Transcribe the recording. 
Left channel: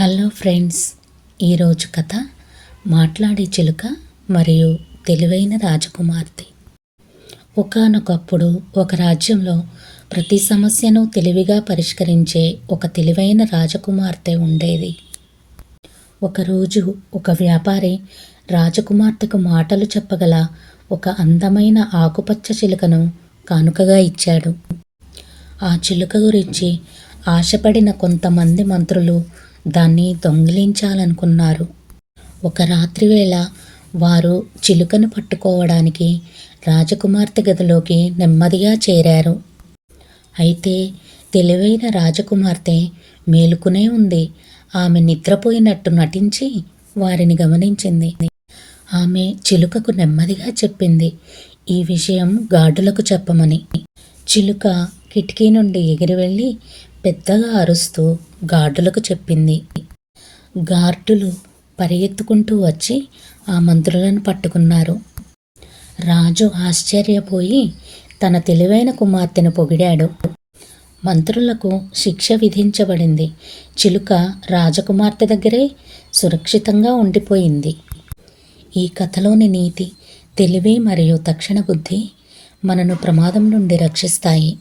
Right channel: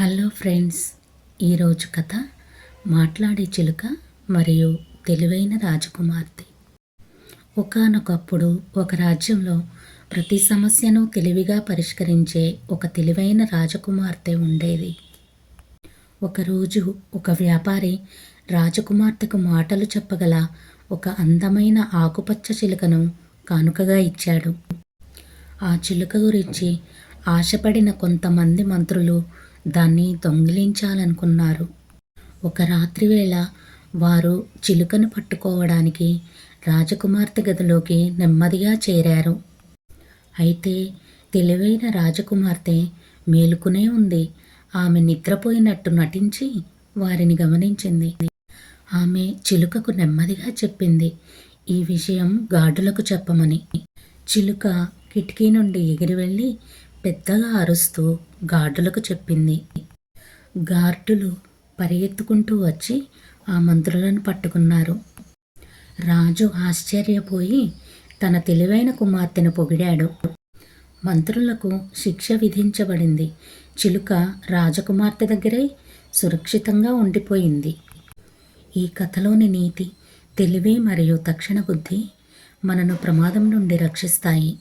Hello friends ఈరోజు కథ మాట్లాడే చిలుక మరియు తెలివైన రాజకుమార్తె. ఒకానొకప్పుడు ఒక రాజ్యంలో ప్రతి సమస్యను తెలివిగా పరిష్కరించే ఒక తెలివైన రాజకుమార్తె ఉండేది. ఒకరోజు ఒక వ్యాపారి రాజకుమార్తెకు మాటలు చెప్పగల ఒక అందమైన ఆకుపచ్చ చిలుకను కానుకగా ఇచ్చాడు. ఆ చిలుక గురించి ఆశపడిన కొంతమంది మంత్రులు దాన్ని దొంగిలించాలనుకున్నారు. ఒక రాత్రివేళ వారు చిలుకను పట్టుకోవడానికి రాజకుమార్తె గదిలోకి నెమ్మదిగా చేరారు. అయితే తెలివైన రాజకుమార్తె మేలుకునే ఉంది. ఆమె నిద్రపోయినట్టు నటించి వారిని గమనించింది. ఆమె చిలుకకు నెమ్మదిగా చెప్పింది ఈ విషయం గార్డులకు చెప్పమని. చిలుక కిటికీ నుండి ఎగిరి వెళ్ళి పెద్దగా అరుస్తూ గార్డులకు చెప్పింది. గార్డులు పరిగెత్తుకుంటూ వచ్చి ఆ మంత్రులను పట్టుకున్నారు. రాజు ఆశ్చర్యపోయి తన తెలివైన కుమార్తెను పొగిడాడు. మంత్రులకు శిక్ష విధించబడింది. చిలుక రాజకుమార్తె దగ్గరే సురక్షితంగా ఉండిపోయింది. ఈ కథలోని నీతి తెలివి మరియు తక్షణ బుద్ధి మనను ప్రమాదం నుండి రక్షిస్తాయి.